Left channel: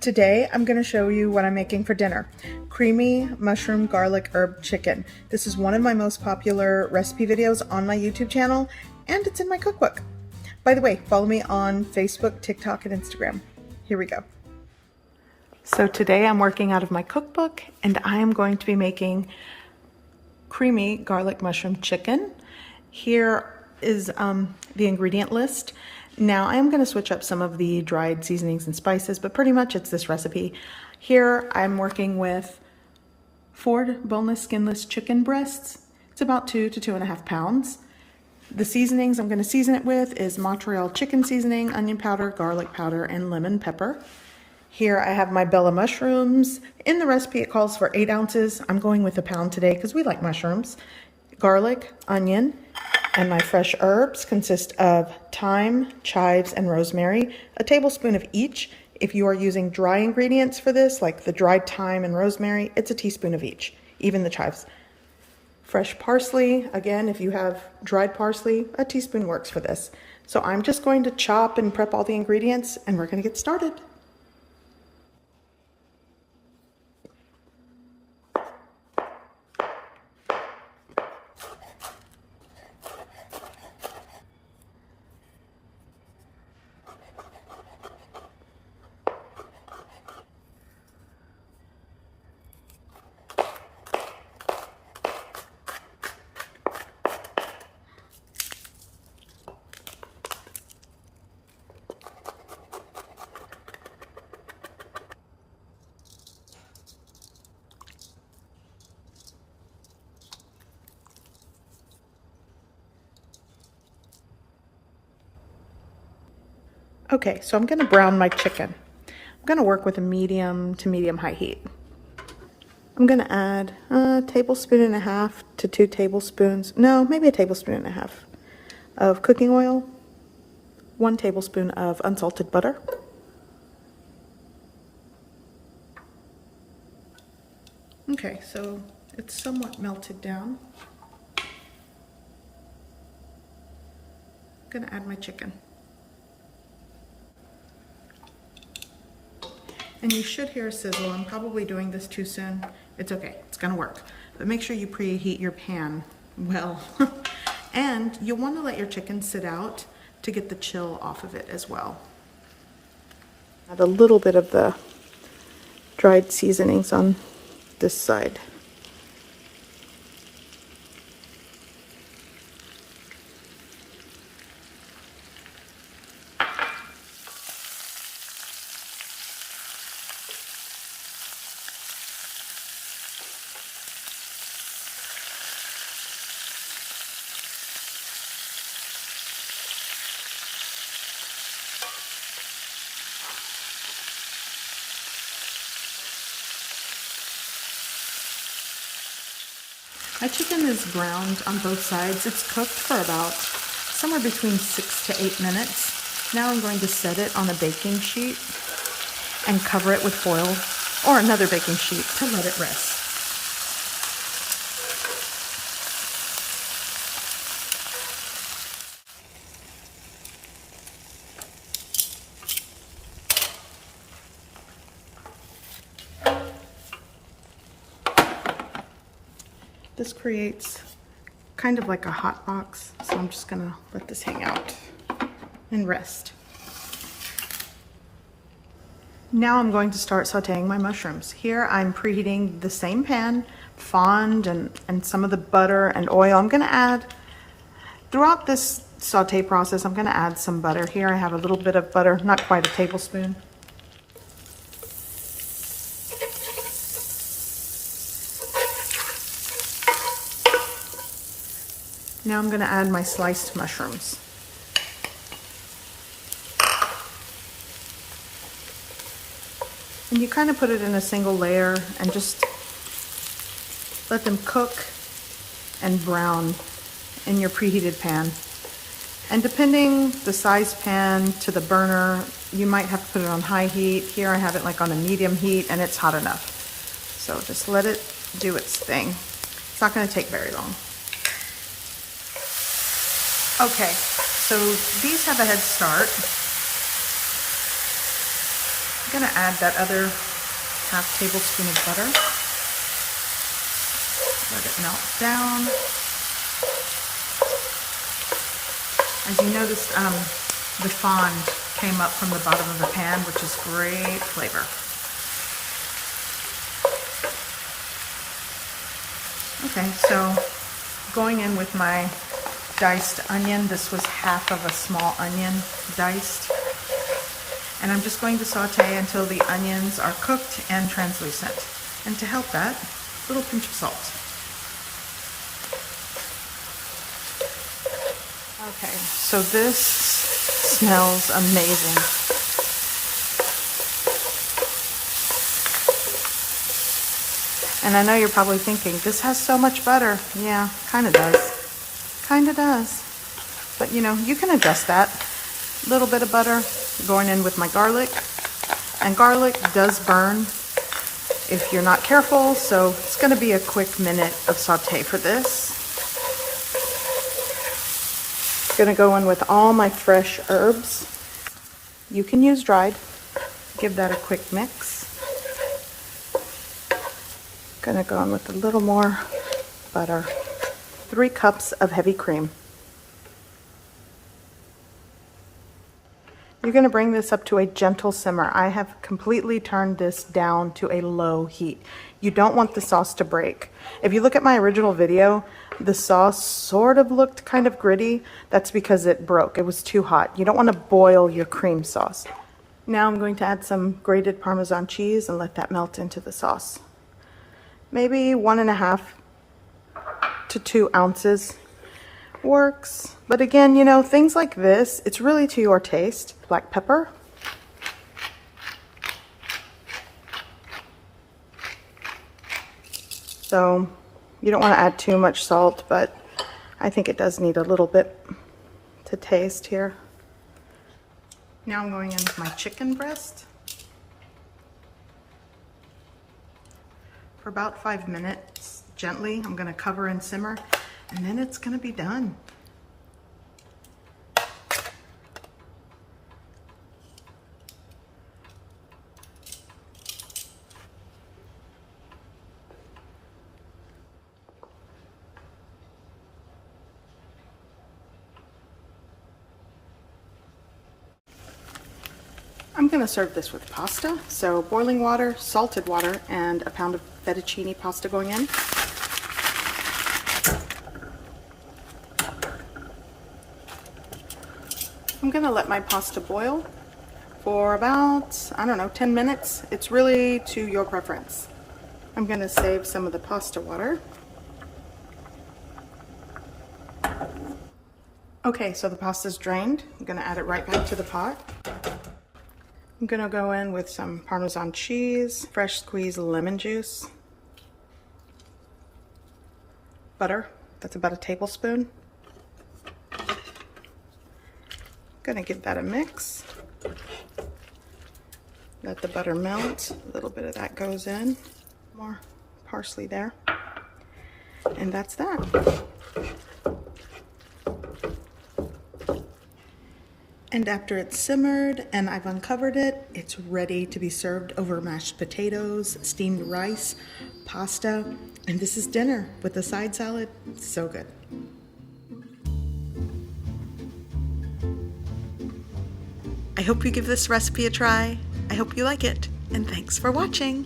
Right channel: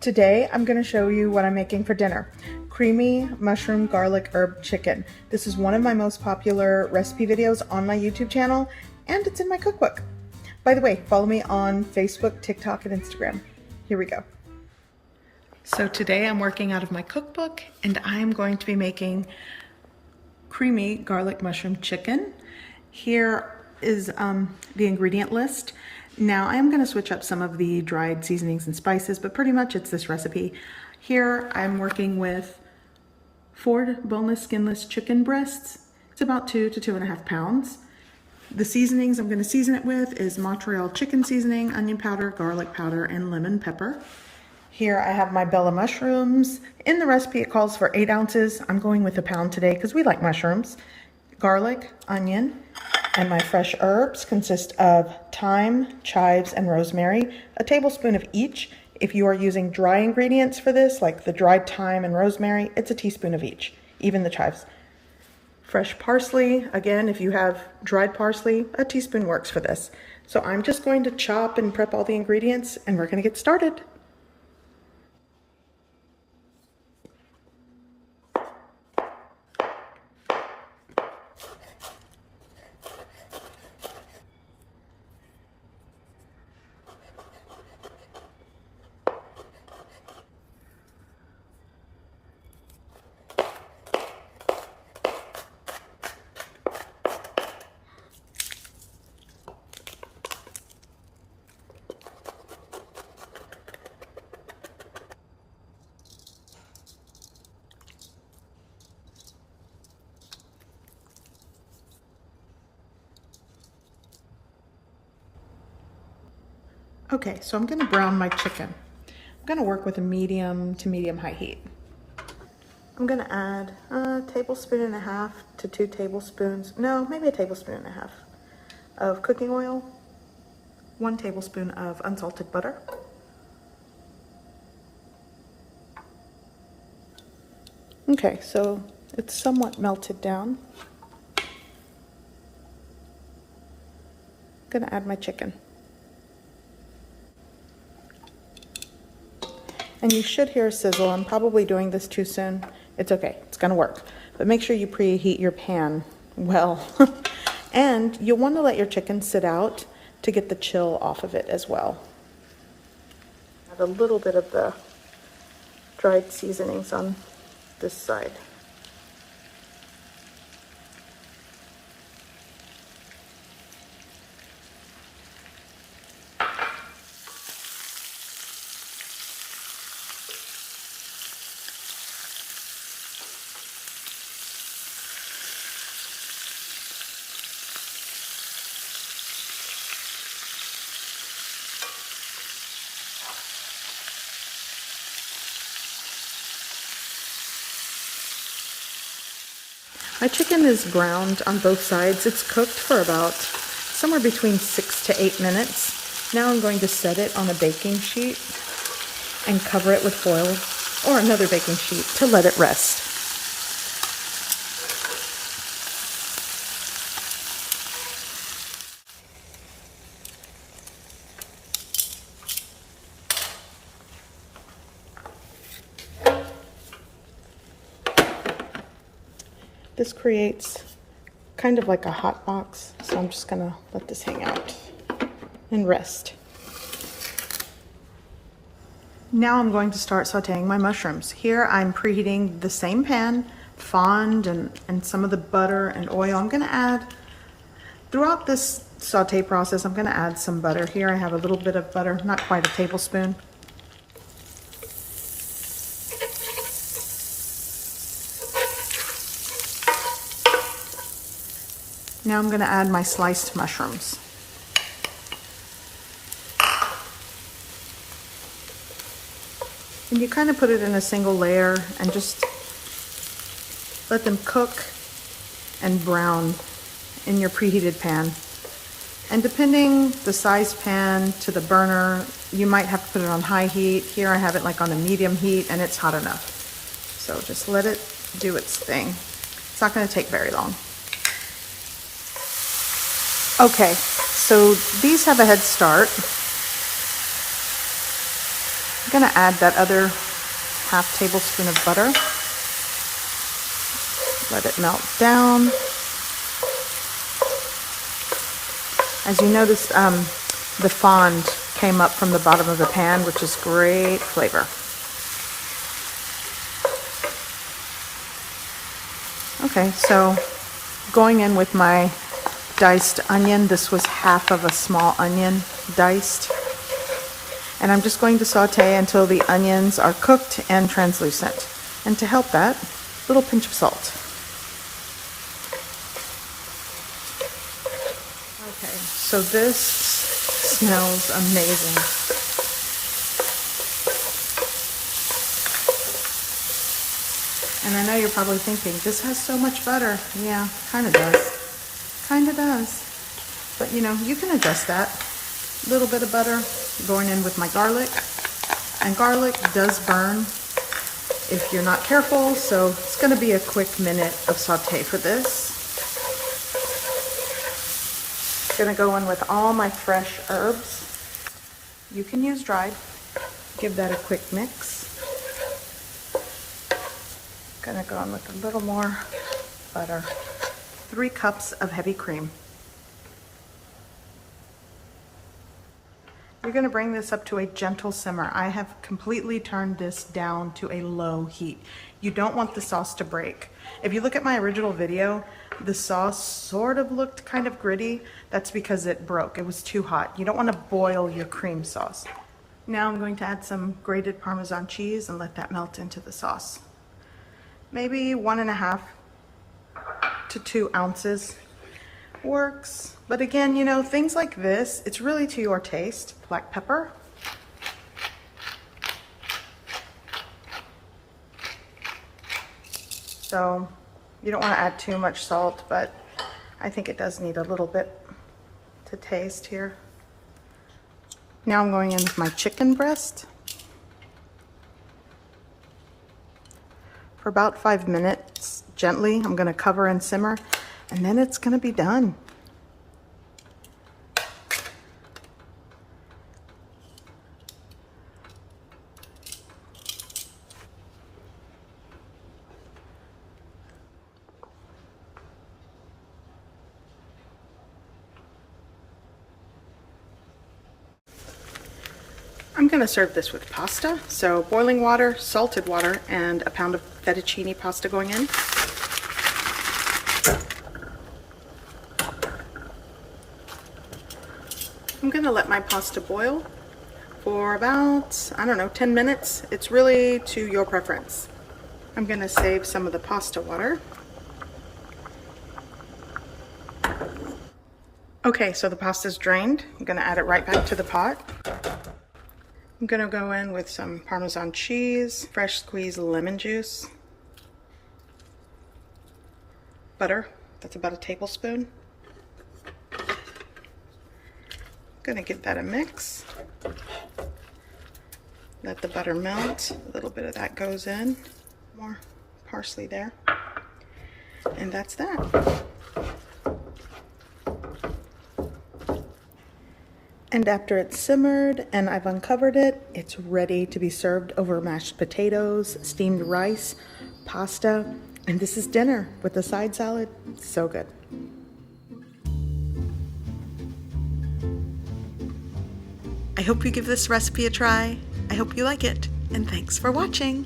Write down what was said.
Today I'm going to show you what I'm making for dinner. Creamy mushroom garlic herb chicken. This is one of my most popular recipe videos on my YouTube channel, and it's in my cookbook. By the way, follow me on Facebook, TikTok, and Instagram. Here we go. So today I'm working out of my cookbook, and I am going to be making creamy garlic mushroom chicken. Here is the ingredient list. Now I'm going to switch up some of the dried seasonings and spices, but pretty much it's this recipe. Here I'm working with 4 boneless, skinless chicken breasts. It's about 2 to 2.5 pounds. The seasonings I'm going to season it with is Montreal chicken seasoning, onion powder, garlic powder, and lemon pepper. Here I have my Bella mushrooms. In the recipe it calls for 8 ounces. I'm going with 1 pound today because we like mushrooms. Garlic, onion, and my fresh herbs consist of thyme, chives, and rosemary, a tablespoon of each. If you are using dry ingredients for this, like the dried thyme and rosemary, it's a teaspoon of each, even the chives. Fresh parsley, again, if you have dried parsley, a teaspoon works for this. So I'm just going to chop and prep all the ingredients, and we're going to get started. Okay, so I'm going to brown my chicken. I'm going to work with a medium to medium-high heat. I'm going to add a tablespoon and a half to 2 tablespoons, no, maybe a tablespoon and a half of cooking oil, 1 tablespoon of unsalted butter, okay, so it's somewhat melted down. I'm going to add my chicken. And you should hear a sizzle. I'm probably doing this too soon. It's okay, it's gonna work. But make sure you preheat your pan well. And you'll wanna let your chicken sit out to get the chill off of it as well. Add a little bit of the dried seasonings on this side. My chicken is browned on both sides. It's cooked for about somewhere between 6 to 8 minutes. Now I'm going to set it on a baking sheet and cover it with foil or another baking sheet to let it rest. This creates kind of like a hot box, so I'm just gonna let this hang out and rest. Now I'm going to start sauteing my mushrooms. Here I'm preheating the same pan, fond and some of the butter and oil. I'm gonna add, throughout this saute process, I'm gonna add some butter. Here I have a little bit of butter, not quite a tablespoon. Now I'm going to add my sliced mushrooms. And you kind of put it in a single layer and just let them cook and brown in your preheated pan. And depending the size pan to the burner, you might have to put it on high heat. Here I have it like on a medium heat and it's hot enough. So just let it do its thing. It's not going to take very long. Okay, so these have a head start. I'm gonna add that other half tablespoon of butter. Let it melt down. As you notice, the fond came up from the bottom of the pan, which is great flavor. Okay, so going in with my diced onion. This was half of a small onion diced. And I'm just going to saute until the onions are cooked and translucent. And to help that, a little pinch of salt. Okay, so this smells amazing. And I know you're probably thinking, this has so much butter. Yeah, kind of does. Kind of does. But you know, you can adjust that. A little bit of butter going in with my garlic. And garlic does burn if you're not careful, so it's going to be a quick minute of saute for this. Going to go in with all my fresh herbs. You can use dried. Give that a quick mix. Going to go in with a little more butter. 3 cups of heavy cream. You're going to bring this up to a gentle simmer. I have completely turned this down to a low heat. You don't want the sauce to break. If you look at my original video, the sauce sort of looked kind of gritty. That's because it broke. It was too hot. You don't want to boil your cream sauce. Now I'm going to add some grated Parmesan cheese and let that melt into the sauce. Maybe 1.5 to 2 ounces works. But again, you know, things like this, it's really to your taste. Black pepper. So you don't want to add too much salt, but I think it does need a little bit to taste here. Now I'm going in with my chicken breast. For about 5 minutes, gently. I'm going to cover and simmer, and then it's going to be done. I'm going to serve this with pasta, so boiling water, salted water, and a pound of fettuccine pasta going in. I'm going to let my pasta boil for about, I don't know, 10 minutes. It's really to your preference. I'm going to save some of the pasta water. Okay, so the pasta's drained. I'm going to add it right back to the pot. I'm going to go in with some Parmesan cheese, fresh squeezed lemon juice, butter, that's about 1 tablespoon. I'm going to give that a mix. Let the butter melt. A little bit of that goes in. More parsley there. And that's that. And after it's simmered and I've uncovered it, it's ready to be served over mashed potatoes, steamed rice, pasta, and this is dinner with a side salad. So good. I hope you give this recipe a try. I hope you like it, and thanks for watching.